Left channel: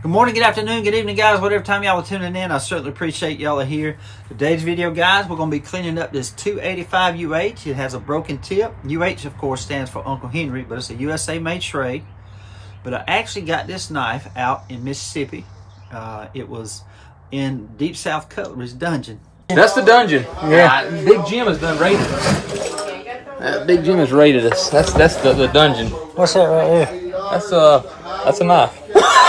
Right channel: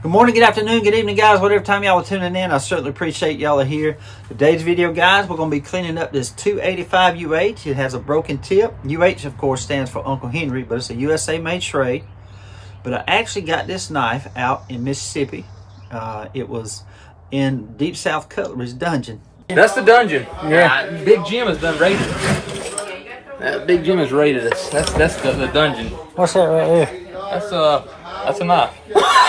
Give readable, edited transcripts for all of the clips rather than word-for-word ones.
Good morning, good afternoon, good evening, guys. Whatever time y'all are tuning in, I certainly appreciate y'all are here. Today's video, guys, we're going to be cleaning up this 285 UH. It has a broken tip. UH, of course, stands for Uncle Henry, but it's a USA-made Schrade. But I actually got this knife out in Mississippi. It was in Deep South Cutlery's dungeon. That's the dungeon. Yeah. Big Jim has done raided us. Big Jim has raided us. That's the dungeon. What's that right there? That's a knife.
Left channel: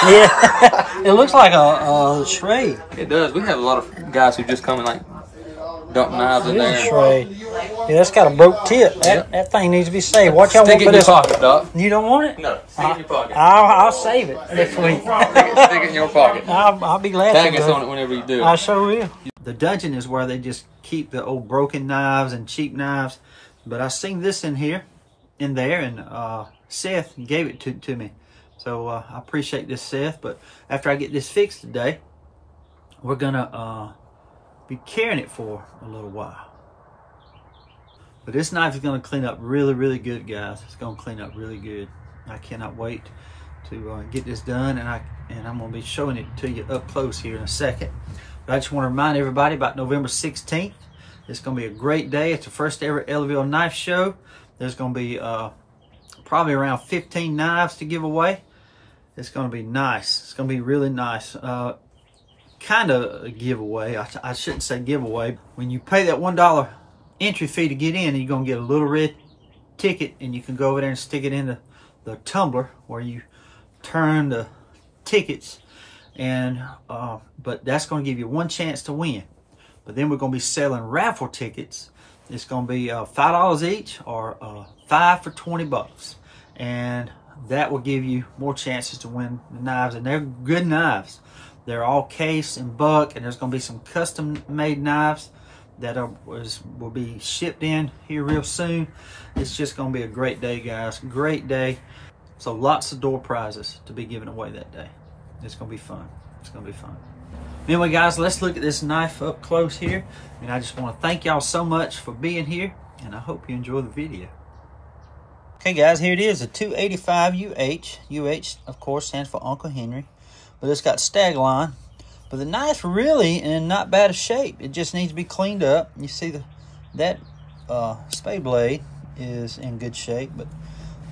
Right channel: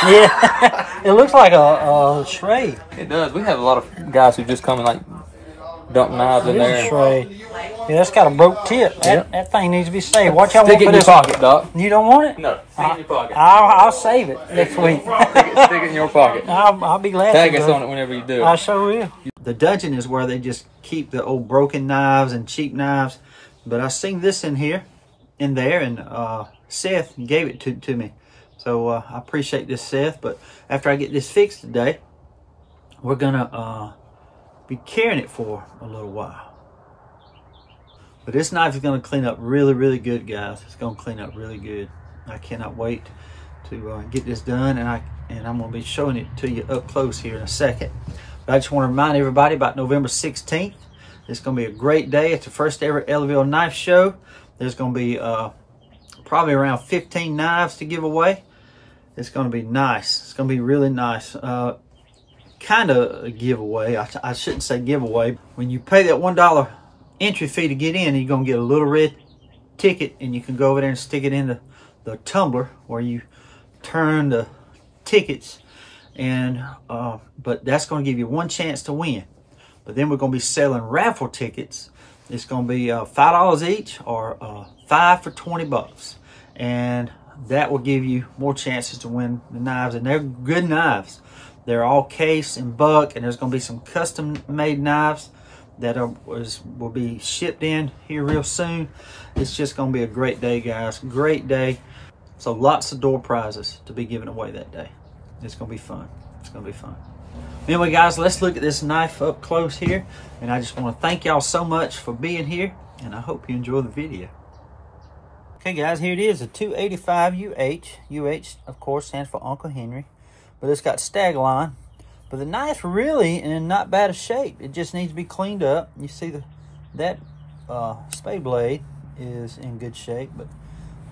Yeah, it looks like a Schrade. It does. We have a lot of guys who just come and like dump knives in there. It is a Schrade. Yeah, that's got a broke tip. That thing needs to be saved. Watch out. Stick it in your pocket, Doc. You don't want it? No. Stick it in your pocket. I'll save it next week. Stick it in your pocket. I'll be glad to. Tag us on it whenever you do it. I sure will. The dungeon is where they just keep the old broken knives and cheap knives. But I seen this in there, and Seth gave it to me. So I appreciate this, Seth. But after I get this fixed today, we're gonna be carrying it for a little while. But this knife is gonna clean up really, really good, guys. It's gonna clean up really good. I cannot wait to get this done, and I'm gonna be showing it to you up close here in a second. But I just want to remind everybody about November 16th. It's gonna be a great day. It's the first ever Ellaville knife show. There's gonna be probably around 15 knives to give away. It's going to be nice. It's going to be really nice. Kind of a giveaway. I shouldn't say giveaway. When you pay that $1 entry fee to get in, you're going to get a little red ticket, and you can go over there and stick it in the tumbler where you turn the tickets. And but that's going to give you one chance to win. But then we're going to be selling raffle tickets. It's going to be $5 each, or 5 for 20 bucks. And that will give you more chances to win the knives, and they're good knives. They're all case and buck, and there's going to be some custom made knives that will be shipped in here real soon. It's just going to be a great day, guys. Great day. So lots of door prizes to be given away that day. It's going to be fun. It's going to be fun. Anyway, guys, let's look at this knife up close here, and I just want to thank y'all so much for being here, and I hope you enjoy the video. Okay, guys, here it is, a 285 UH. UH, of course, stands for Uncle Henry, but it's got stag line. But the knife's really in not bad a shape. It just needs to be cleaned up. You see that spade blade is in good shape, but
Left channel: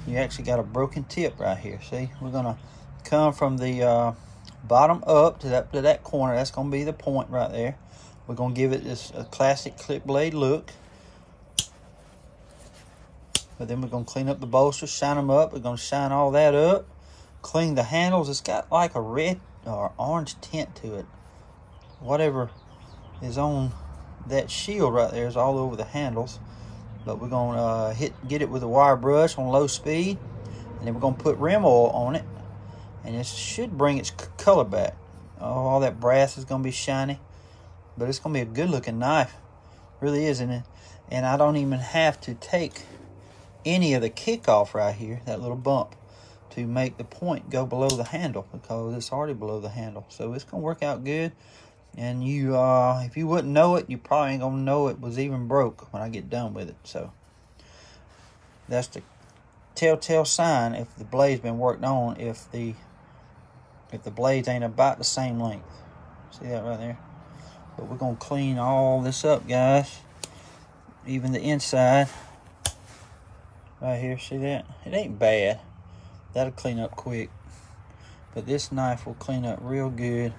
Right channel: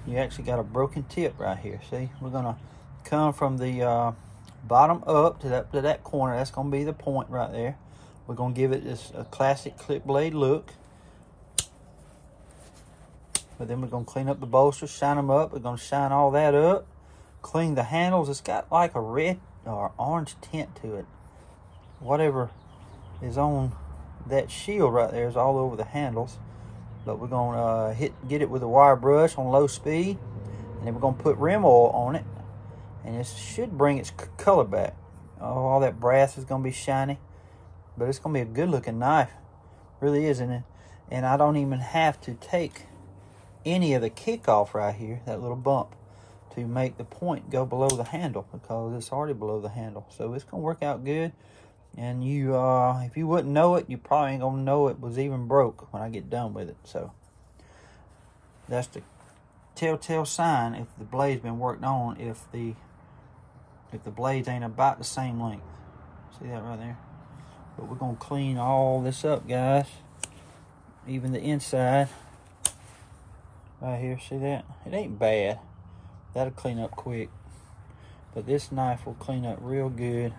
you actually got a broken tip right here. See, we're gonna come from the bottom up to that corner. That's gonna be the point right there. We're gonna give it this classic clip blade look. But then we're going to clean up the bolsters, shine them up. We're going to shine all that up. Clean the handles. It's got like a red or orange tint to it. Whatever is on that shield right there is all over the handles. But we're going to get it with a wire brush on low speed. And then we're going to put rim oil on it. And it should bring its color back. Oh, all that brass is going to be shiny. But it's going to be a good looking knife. Really is, isn't it? And I don't even have to take any of the kickoff right here, that little bump, to make the point go below the handle, because it's already below the handle. So it's gonna work out good. And you if you wouldn't know it, you probably ain't gonna know it was even broke when I get done with it. So that's the telltale sign if the blade's been worked on, if the blades ain't about the same length. See that right there? But we're gonna clean all this up, guys, even the inside right here. See that? It ain't bad. That'll clean up quick. But this knife will clean up real good.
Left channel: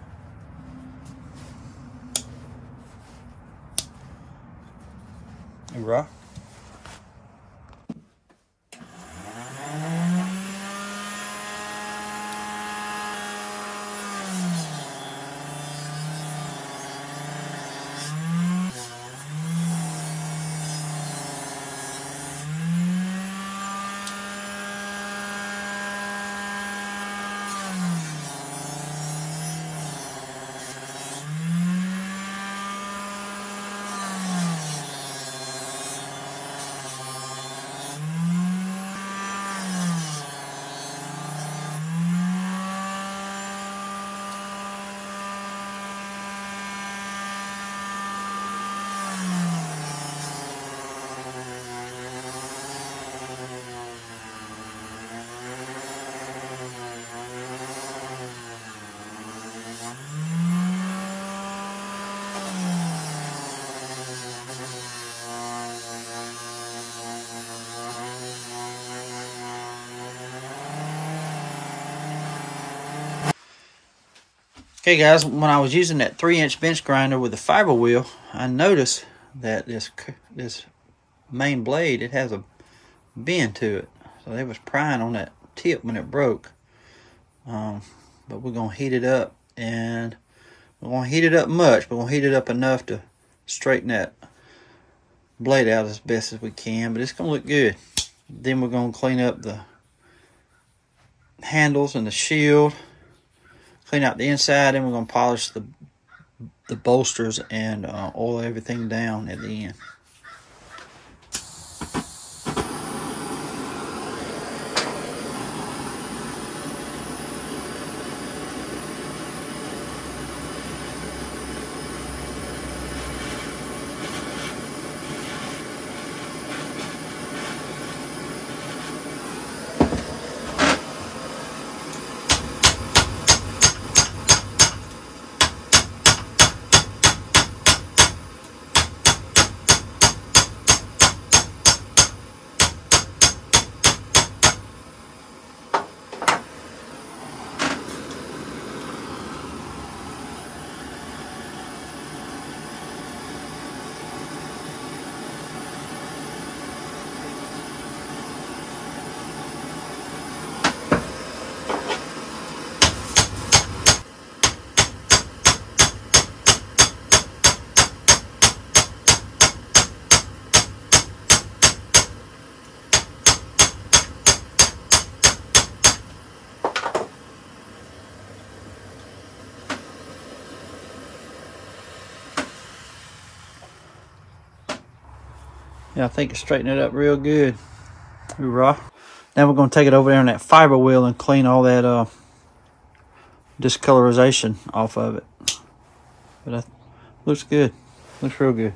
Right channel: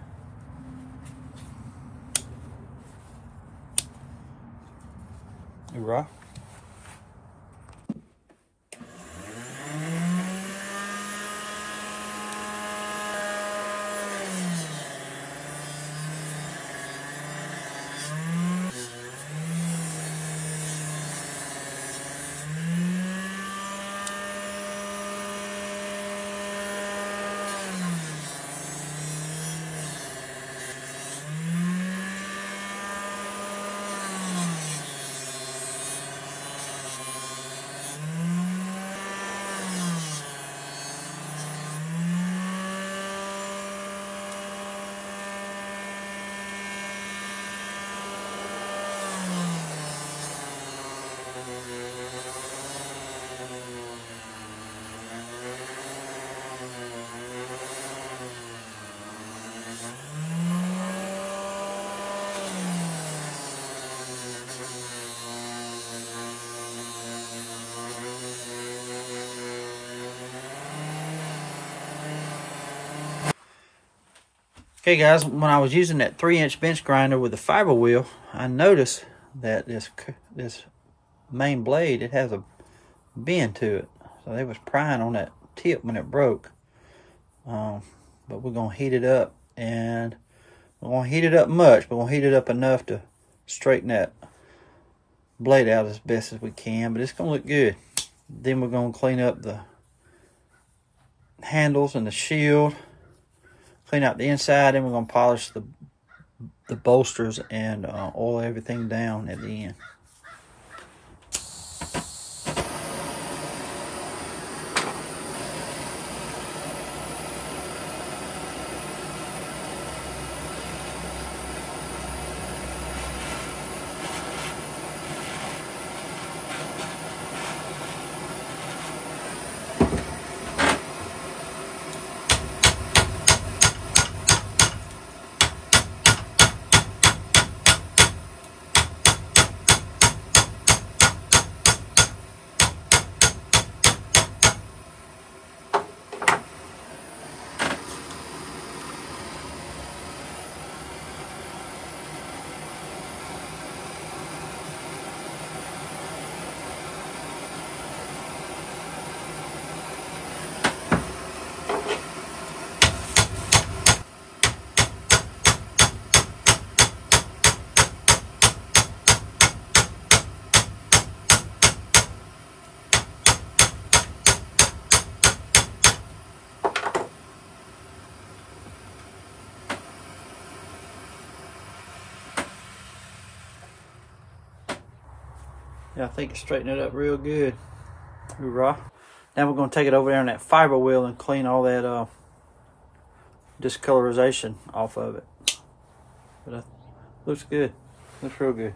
Hoorah. Okay guys, when I was using that 3-inch bench grinder with the fiber wheel, I noticed that this main blade, it has a bend to it. So they was prying on that tip when it broke. But we're going to heat it up, and we won't heat it up much, but we'll heat it up enough to straighten that blade out as best as we can, but it's going to look good. Then we're going to clean up the handles and the shield, clean out the inside, and we're going to polish the bolsters and oil everything down at the end. Yeah, I think it's straightened it up real good. Hoorah. Now we're going to take it over there on that fiber wheel and clean all that discolorization off of it. But that looks good. Looks real good.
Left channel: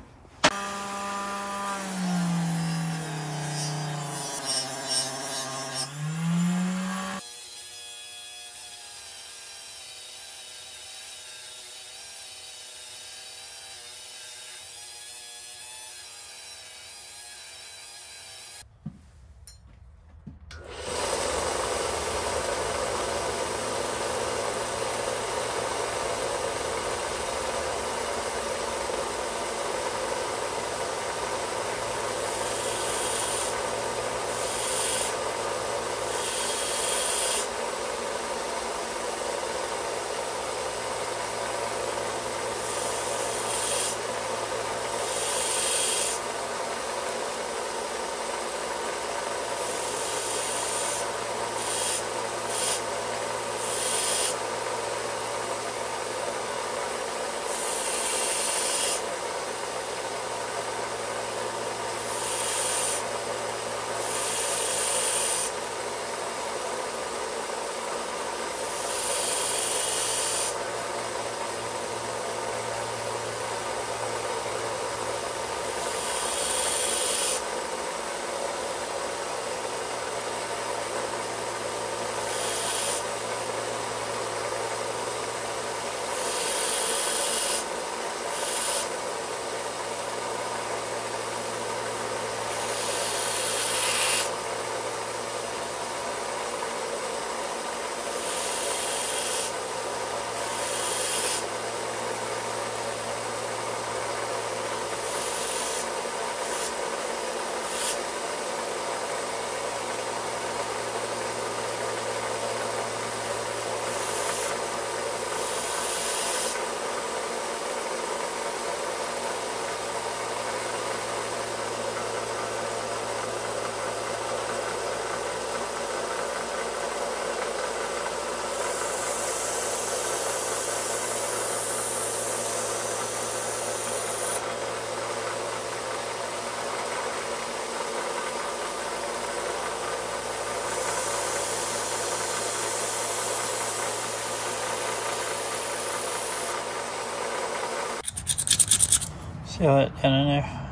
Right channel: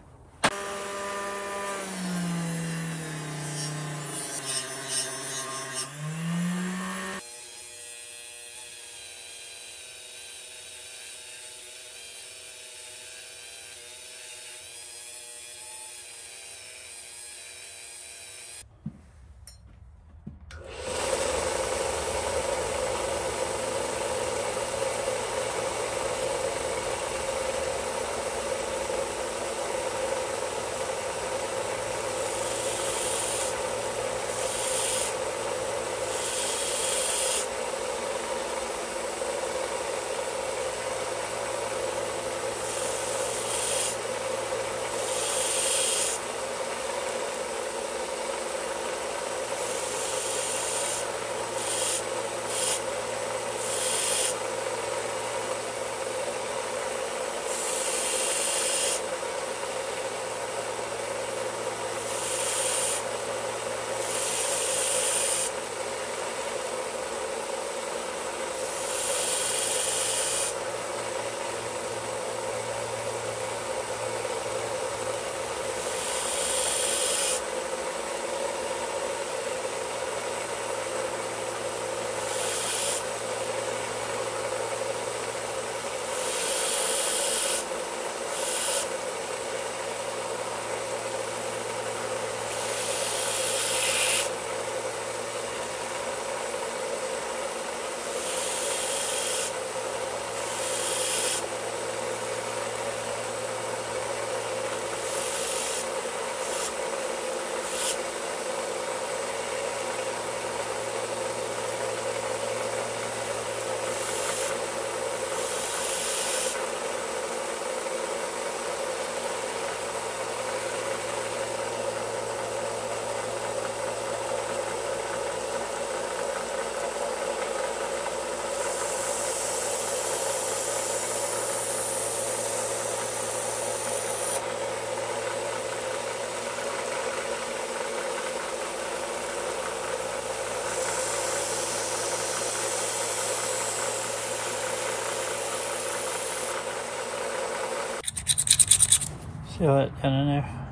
See all that down in there?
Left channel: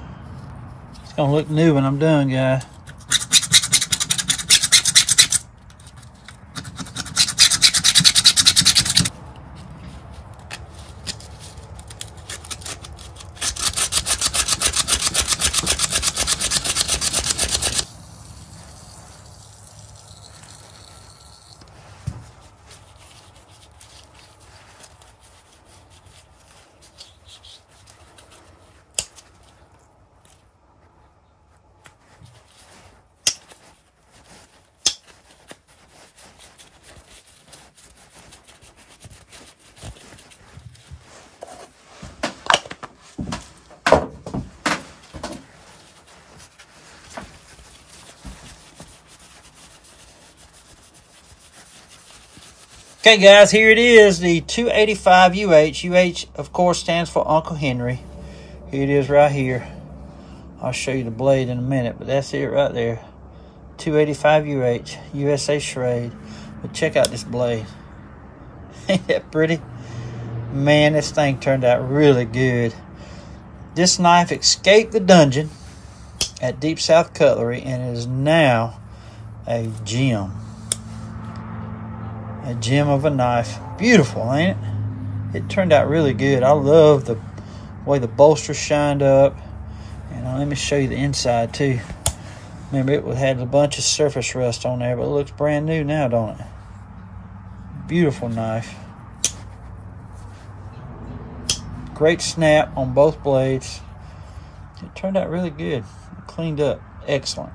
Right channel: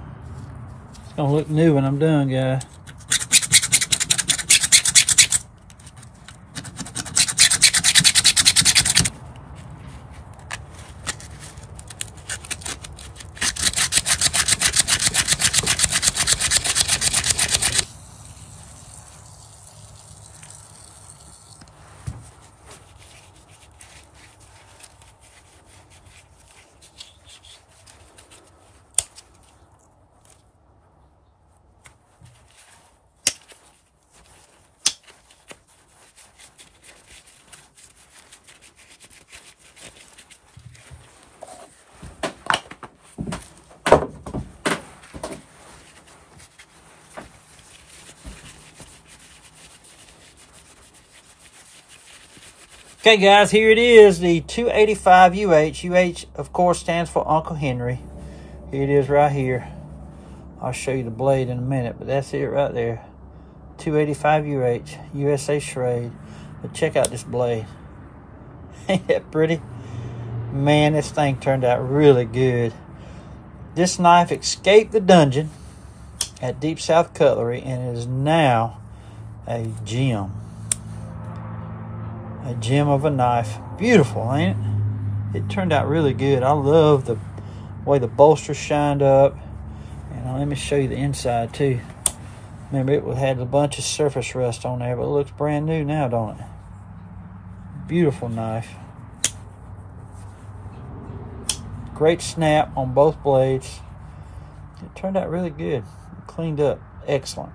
It's gonna look new when I'm done, guys. Okay, guys, here it is, the 285 UH. UH, of course, stands for Uncle Henry. Here it is right here. I'll show you the blade in a minute, but that's it right there. 285 UH, USA Schrade. But check out this blade. Ain't that pretty? Man, this thing turned out really good. This knife escaped the dungeon at Deep South Cutlery and is now a gem. A gem of a knife. Beautiful, ain't it? It turned out really good. I love the way the bolster shined up. And let me show you the inside too. Remember, it had a bunch of surface rust on there, but it looks brand new now, don't it? Beautiful knife. Great snap on both blades. It turned out really good. Cleaned up. Excellent.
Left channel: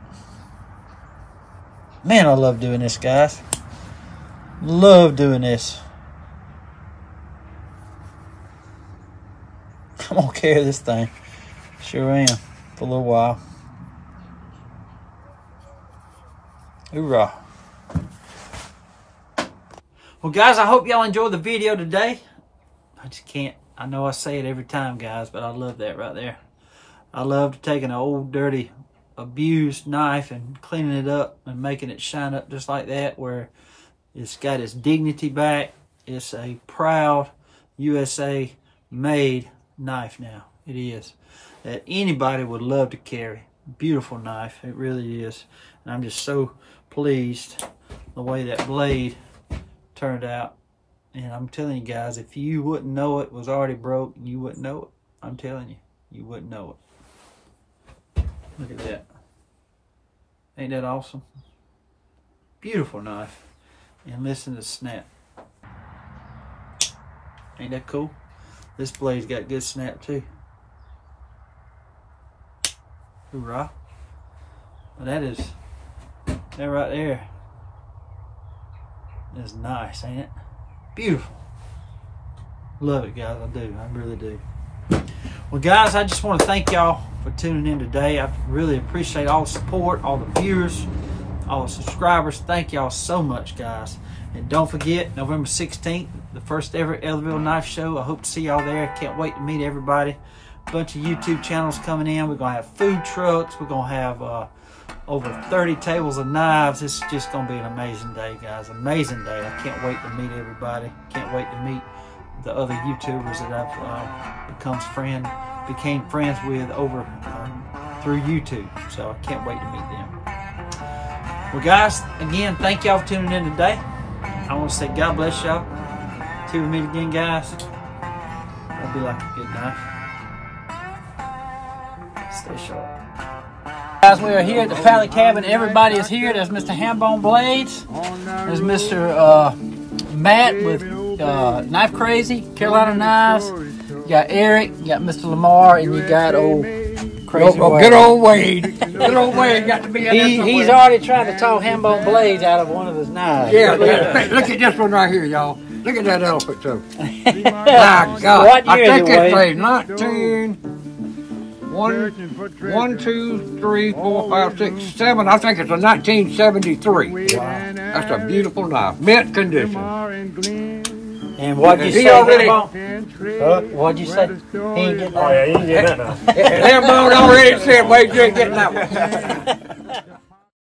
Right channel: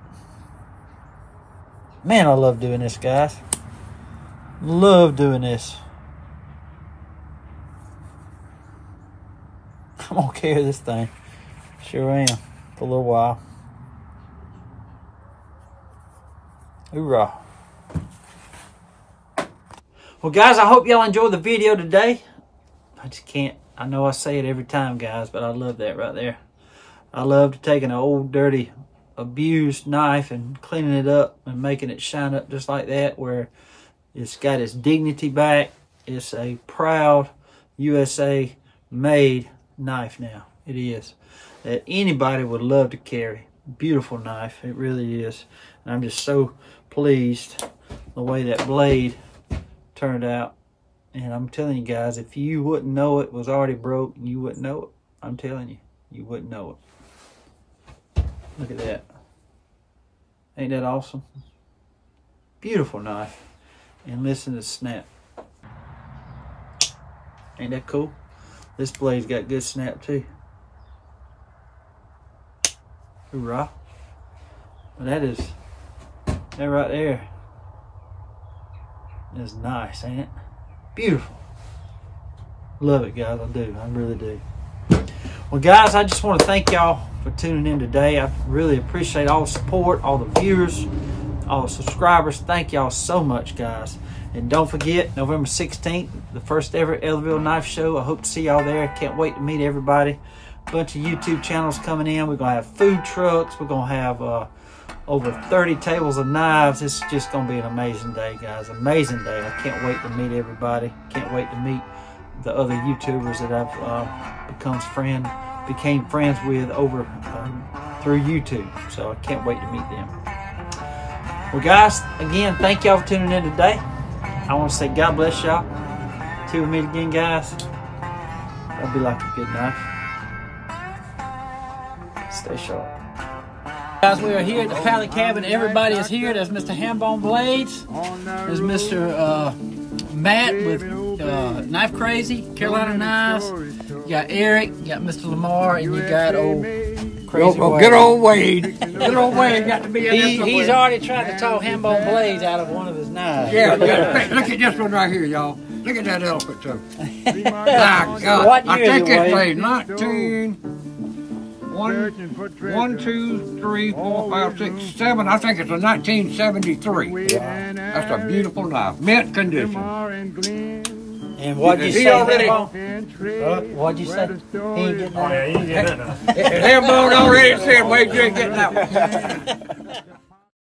Man, I love doing this, guys. Love doing this. I'm gonna carry this thing. Sure am. For a little while. Hoorah. Well, guys, I hope y'all enjoyed the video today. I just can't. I know I say it every time, guys, but I love that right there. I love taking an old, dirty, abused knife and cleaning it up and making it shine up just like that, where it's got its dignity back. It's a proud USA made knife now. It is. That anybody would love to carry. Beautiful knife. It really is. And I'm just so pleased the way that blade turned out. And I'm telling you guys, if you wouldn't know it was already broke, you wouldn't know it. I'm telling you, you wouldn't know it. Look at that. Ain't that awesome? Beautiful knife. And listen to the snap. Ain't that cool? This blade's got good snap too. Hoorah. Well, that right there is nice, ain't it? Beautiful. Love it, guys. I do. I really do. Well, guys, I just want to thank y'all for tuning in today. I really appreciate all the support, all the viewers, all the subscribers. Thank y'all so much, guys. And don't forget, November 16th, the first ever Ellaville Knife Show. I hope to see y'all there. Can't wait to meet everybody. A bunch of YouTube channels coming in. We're going to have food trucks. We're going to have over 30 tables of knives. It's just going to be an amazing day, guys. Amazing day. I can't wait to meet everybody. Can't wait to meet the other YouTubers that I've became friends with over through YouTube. So I can't wait to meet them. Well, guys, again, thank y'all for tuning in today. I want to say God bless y'all. Till we meet again, guys. That'd be like a good knife. Stay sharp. Guys, we are here at the Pallet Cabin. Everybody is here. There's Mr. Hambone Blades. There's Mr. Matt with Knife Crazy, Carolina Knives. You got Eric, you got Mr. Lamar, and you got old Crazy good old Wade. Good old Wade got to be in there somewhere. He's already tried to talk Hambone Blades out of one of his knives. Yeah. Look at this one right here, y'all. Look at that elephant, too. My God. I think it's like 1, 2, 3, 4, 5, 6, 7. I think it's a 1973. That's a beautiful knife. Mint condition. And what'd you say? What'd you say? Oh, yeah, you can get that now. Hambone already said, Wade, you ain't getting that one.